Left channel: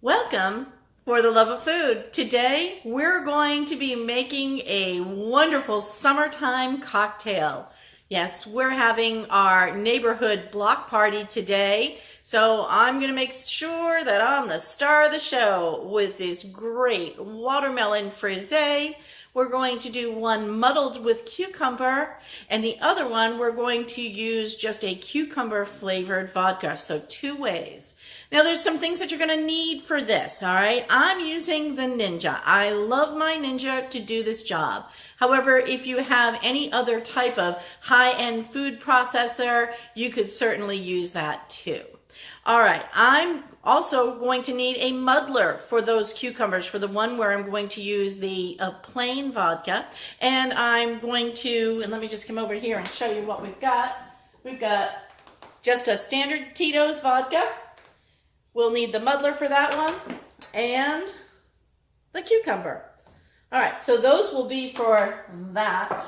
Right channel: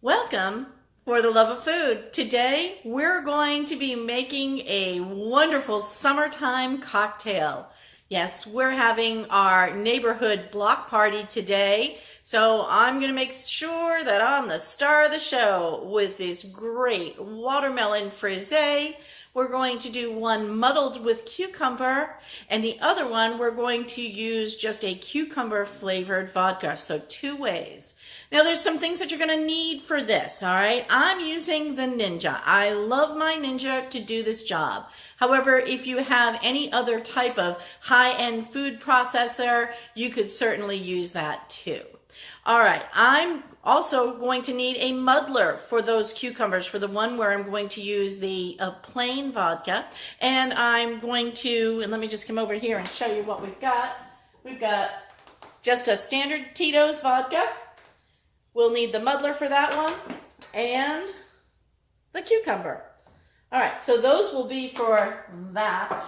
Welcome for the love of food. Today we're going to be making a wonderful summertime cocktail. Yes, we're having our neighborhood block party today. So I'm going to make sure that I'm the star of the show with this great watermelon frisee. We're going to do one muddled with cucumber, and the other one we're going to use just a cucumber flavored vodka. So two ways. Now there's some things that you're going to need for this, all right? I'm using the Ninja. I love my Ninja to do this job. However, if you have any other type of high-end food processor, you could certainly use that too. All right, I'm also going to need a muddler for those cucumbers, for the one where I'm going to use the plain vodka. And I'm going to, and let me just come over here and show you what we've got. We've got just a standard Tito's vodka. We'll need the muddler for that one and the cucumber. All right, so those will be for that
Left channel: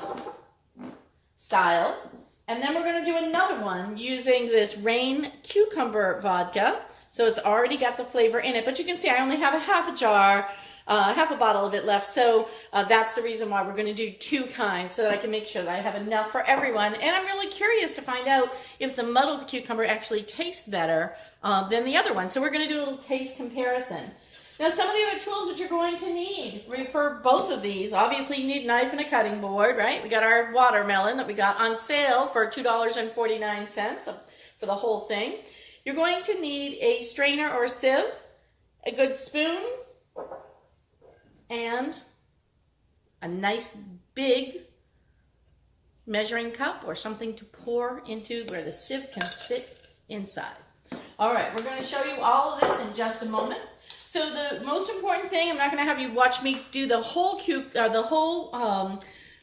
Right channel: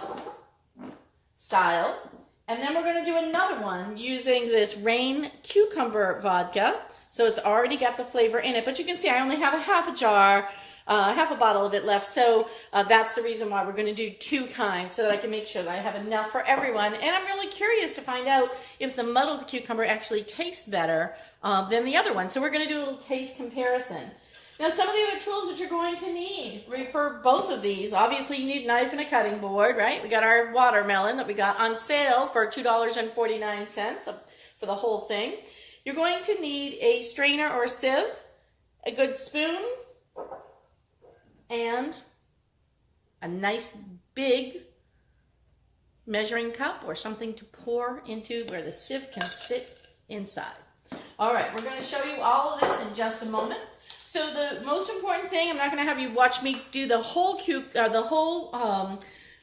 style. And then we're going to do another one using this Rain cucumber vodka. So it's already got the flavor in it, but you can see I only have a half a bottle of it left. So that's the reason why we're going to do two kinds, so that I can make sure that I have enough for everyone. And I'm really curious to find out if the muddled cucumber actually tastes better than the other one. So we're going to do a little taste comparison. Now, some of the other tools that you're going to need for both of these, obviously you need a knife and a cutting board, right? We got our watermelon that we got on sale for $2.49 for the whole thing. You're going to need a strainer or a sieve, a good spoon, and a nice big measuring cup or something to pour into where the sieve can sit inside. All right, we're going to show you all of this in just a moment. So the most important thing, I'm not going to have you watch me do the whole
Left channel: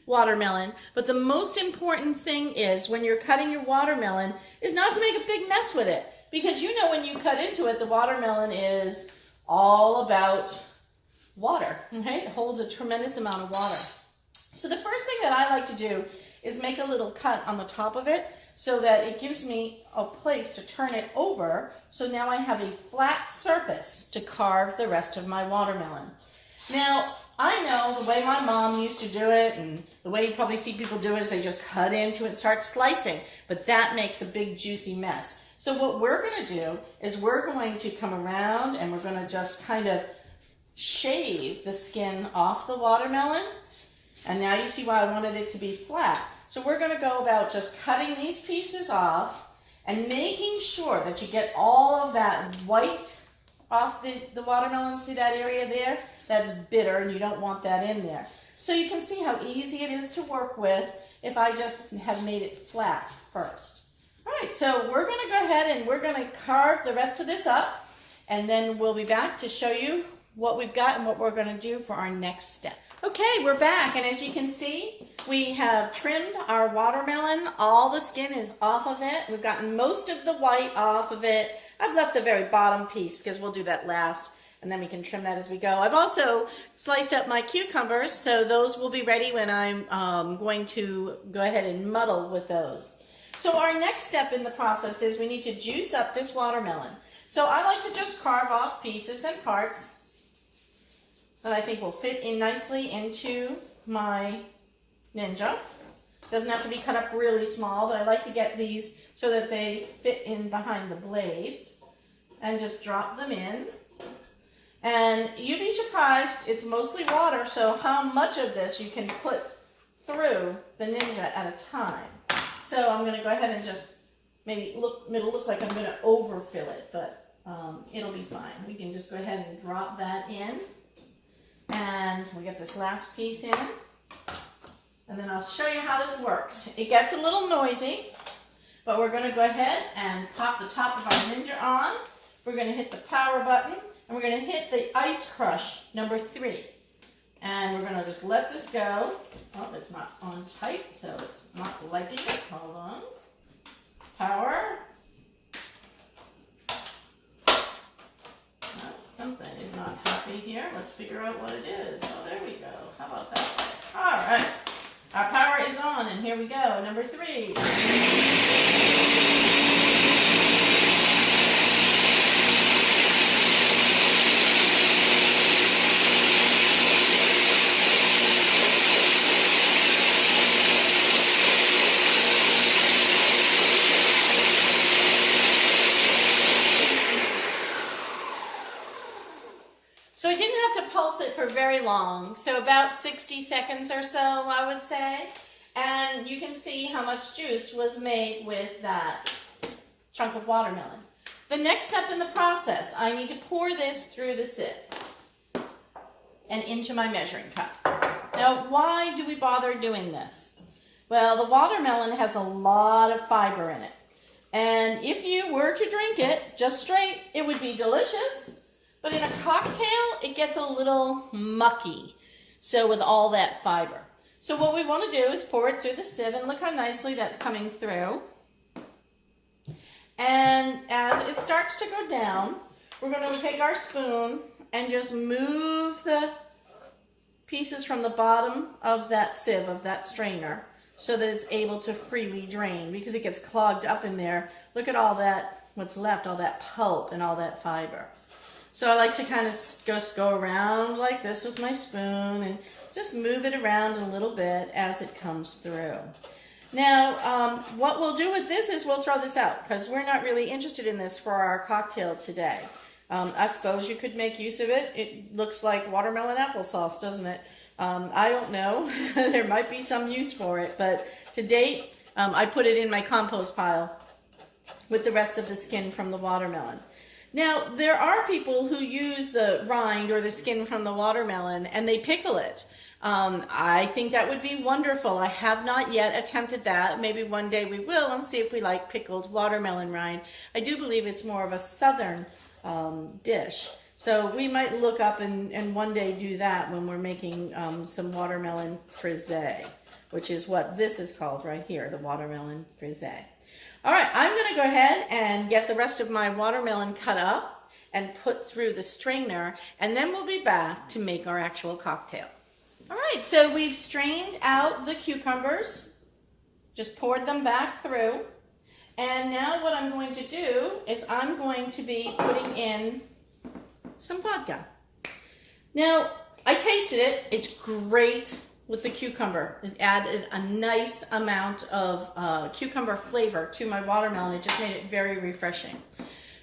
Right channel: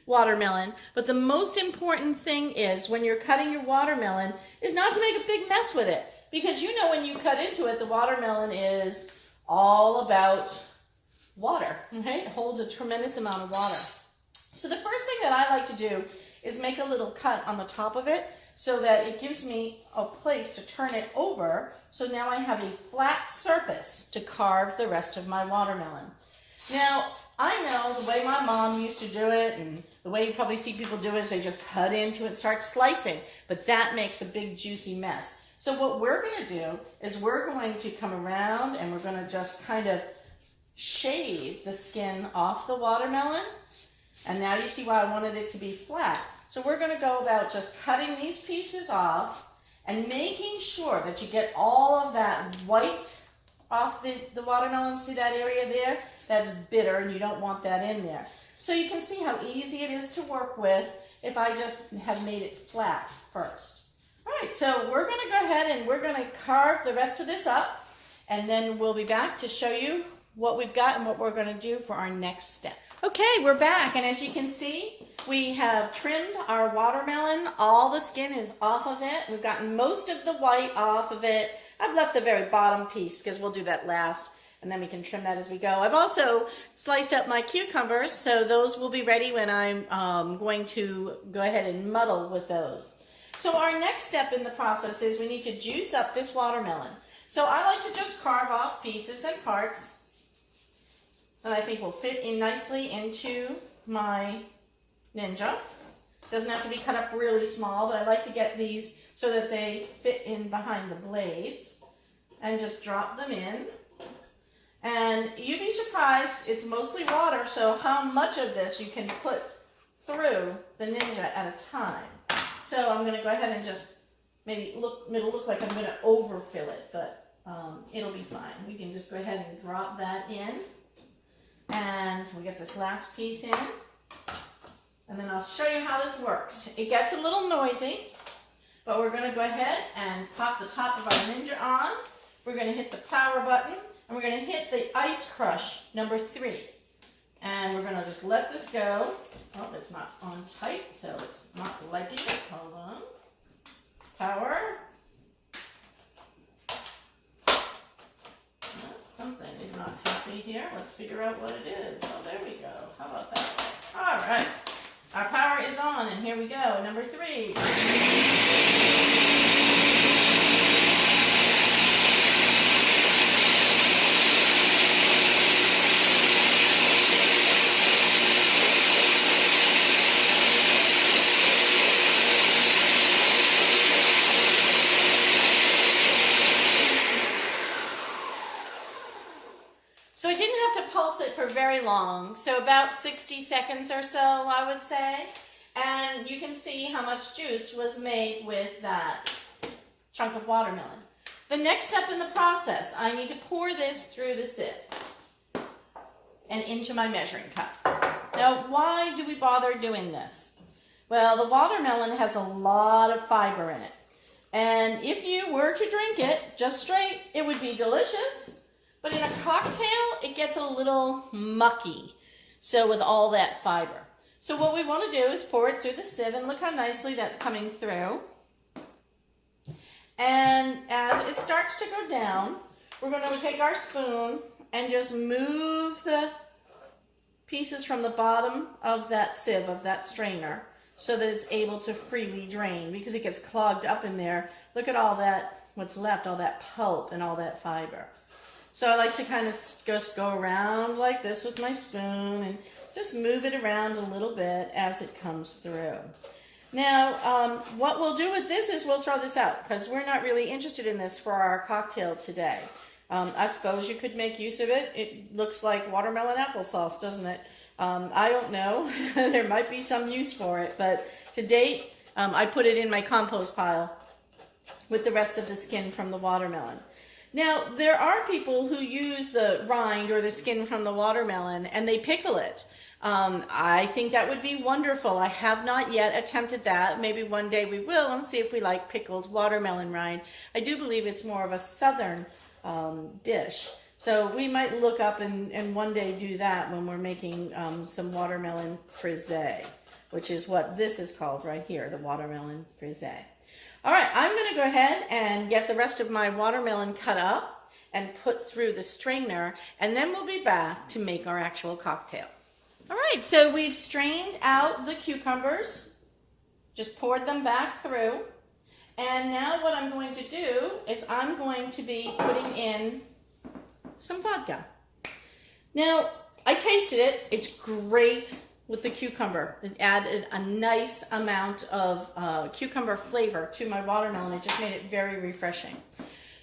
watermelon, but the most important thing is when you're cutting your watermelon is not to make a big mess with it. Because you know when you cut into it, the watermelon is all about water, okay? It holds a tremendous amount of water. So the first thing that I like to do is make a little cut on the top of it so that it gives me a place to turn it over. So now I have a flat surface to carve the rest of my watermelon. Now, I know the way my mom used to do it, and the way you probably see people do it is they just cut into it and start slicing, but that makes a big juicy mess. So what we're going to do is we're going to come around and we're going to just kind of shave the skin off the watermelon. And now you see why I wanted it to be flat. So we're going to go about just cutting these pieces off and making sure that you get all of that white off the watermelon. See that area there? That's bitter and you don't want that in there. So you can see how easy it is to work with if I just have made it flat first. All right, so we're going to go ahead and we're going to carve the rest of this up, and then we'll be back to show you what we've got and what we're going to do for our next step. Okay, we're back, and as you can see, we have trimmed our watermelon. All the skin is off of it. We've gotten most of the white off of it. I've left the very bottom piece because we'll do that last, and then we can trim that as we go. I've also sliced up my cucumbers, so those will be ready when I'm going to go ahead and muddle with those. So our next step in the process is we need to juice up this watermelon. So I like to just carve off pieces and parts that I think will fit in nicely into my Ninja. Doesn't have to be cut up really small, but I like to get these so that they fit in behind the blades, and just drop them in. And you'd be surprised, it's mostly water, so how much of this you can put through the Ninja at a time. So I'm going to go ahead and just maybe it'll look like I'm going to overfill it, but it'll be fine. We can just go ahead and drop that in. And we'll get this last piece in. And then I'll show you how this works. It gets a little noisy, but we're going to go ahead and pop the top of our Ninja on. We're going to hit the power button, and we're going to hit the ice crush number 3. And we're going to just let this go. Oh, it's not on tight, so it's not liking it. Hold on. Power. Oh, something is not happy here. Let's figure out what it is. Oh, there we go. How about that? All right. Our power is on, and here we go. Number 3. So I didn't have to pulse it for very long, so about 60 seconds or so, I would say. And you can see how much juice was made with that chunk of watermelon. The next step in the process, I need to pour this through the sieve and into my measuring cup. Now, why do we bother doing this? Well, the watermelon has a lot of fiber in it. And if you were to drink it just straight, it would be delicious. But in a cocktail, it gets a little mucky. So with all that fiber. So what we want to do is pour it through the sieve, and look how nicely that's coming through. And as it starts to go down, we're going to take our spoon and just move the pieces from the bottom of that sieve, of that strainer, so that it's able to freely drain, because it gets clogged up in there. Look at all that, what's left, all that pulp and all that fiber. So I like to kind of just go around like this with my spoon and just move it around a little bit as it comes through. Now, what we'll do with this is we'll throw this out, because we're not really interested in this for our cocktail today. I suppose you could make use of it. It looks like watermelon applesauce, doesn't it? I don't know. There might be some use for it, but to date, I put it in my compost pile with the rest of the skin from the watermelon. Now, there are people who use the rind or the skin from the watermelon and they pickle it. I think that would be wonderful. I have not yet attempted that. Maybe one day we will, and see if we like pickled watermelon rind. I do believe it's more of a southern dish. So we might look up and one day do that when we're making some watermelon frisee, which is what this is called right here, the watermelon frisee. All right, I'm going to go ahead and get the rest of my watermelon cut up and put through the strainer, and then we'll be back to make our actual cocktail. All right, so we've strained out the cucumbers, just poured them back through, and now what I'm going to do is I'm going to be putting in some vodka. Now, I tasted it. It's great with the cucumber. It added a nice amount of cucumber flavor to my watermelon. It just made it very refreshing.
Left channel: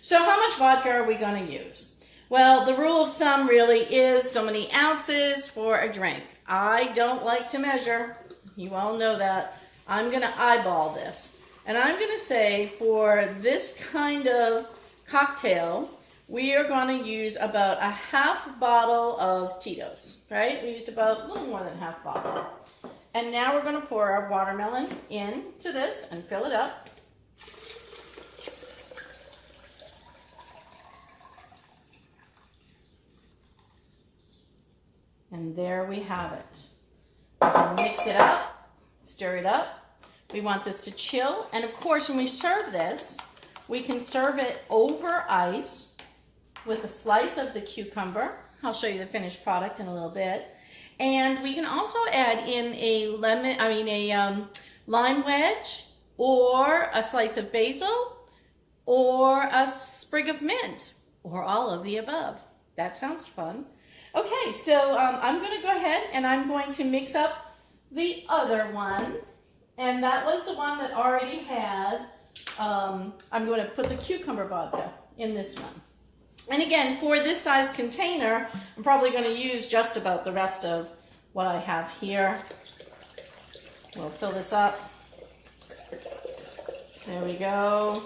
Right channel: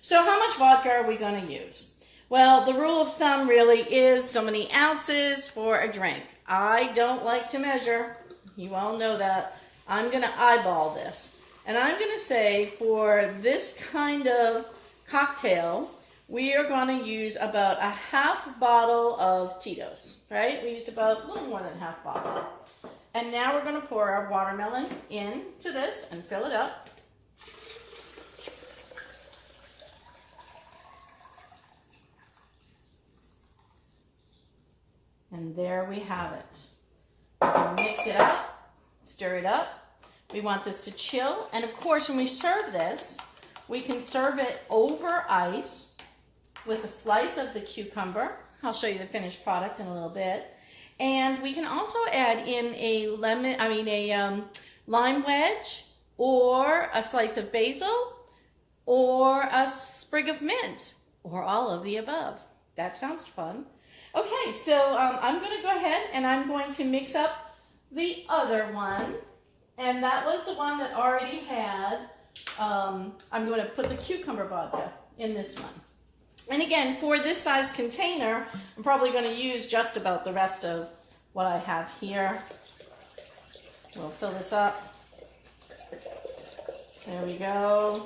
So how much vodka are we going to use? Well, the rule of thumb really is so many ounces for a drink. I don't like to measure. You all know that. I'm going to eyeball this. And I'm going to say for this kind of cocktail, we are going to use about a half bottle of Tito's, right? We used about a little more than half bottle. And now we're going to pour our watermelon into this and fill it up. And there we have it. Mix it up, stir it up. We want this to chill. And of course, when we serve this, we can serve it over ice with a slice of the cucumber. I'll show you the finished product in a little bit. And we can also add in a lime wedge, or a slice of basil, or a sprig of mint, or all of the above. That sounds fun. Okay, so I'm going to go ahead and I'm going to mix up the other one. And that was the one that already had, I'm going to put the cucumber vodka in this one. And again, for this size container, I'm probably going to use just about the rest of what I have here. We'll fill this up. There we go.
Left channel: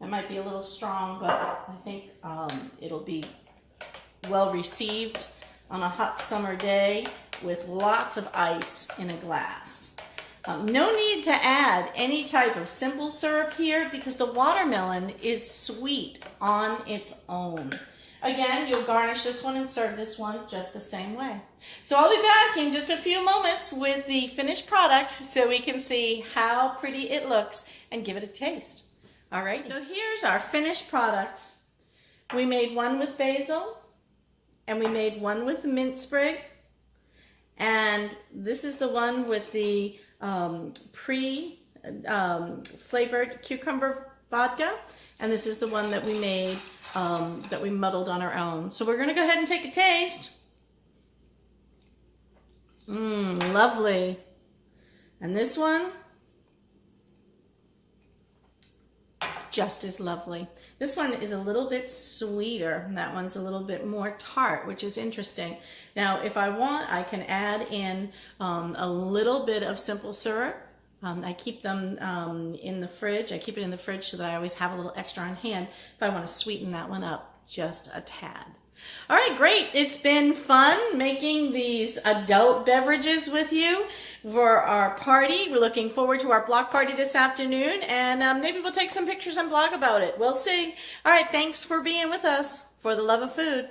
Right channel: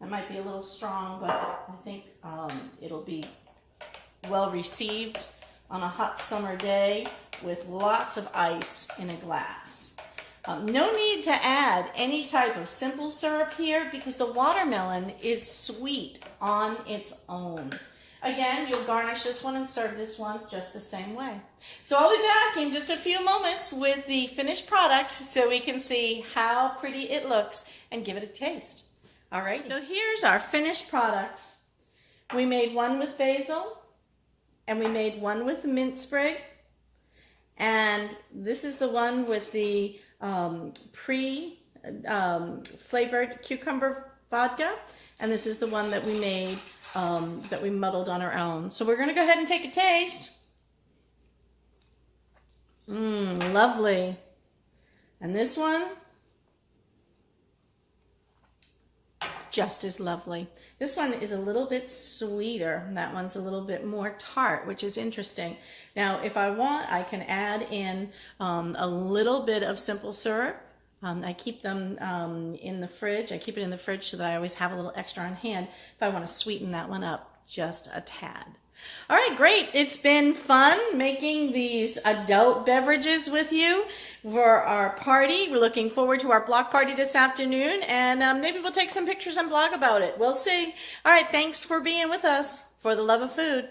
That might be a little strong, but I think it'll be well received on a hot summer day with lots of ice in a glass. No need to add any type of simple syrup here because the watermelon is sweet on its own. Again, you'll garnish this one and serve this one just the same way. So I'll be back in just a few moments with the finished product so we can see how pretty it looks and give it a taste. All right, so here's our finished product. We made one with basil and we made one with mint sprig. And this is the one with the flavored cucumber vodka, and this is the one that we made that we muddled on our own. So we're going to go ahead and take a taste. Lovely. And this one, just as lovely. This one is a little bit sweeter, and that one's a little bit more tart, which is interesting. Now, if I want, I can add in a little bit of simple syrup. I keep them in the fridge. I keep it in the fridge so that I always have a little extra on hand if I want to sweeten that one up just a tad. All right, great. It's been fun making these adult beverages with you for our party. We're looking forward to our block party this afternoon, and maybe we'll take some pictures and blog about it. We'll see. All right, thanks for being with us. For the love of food.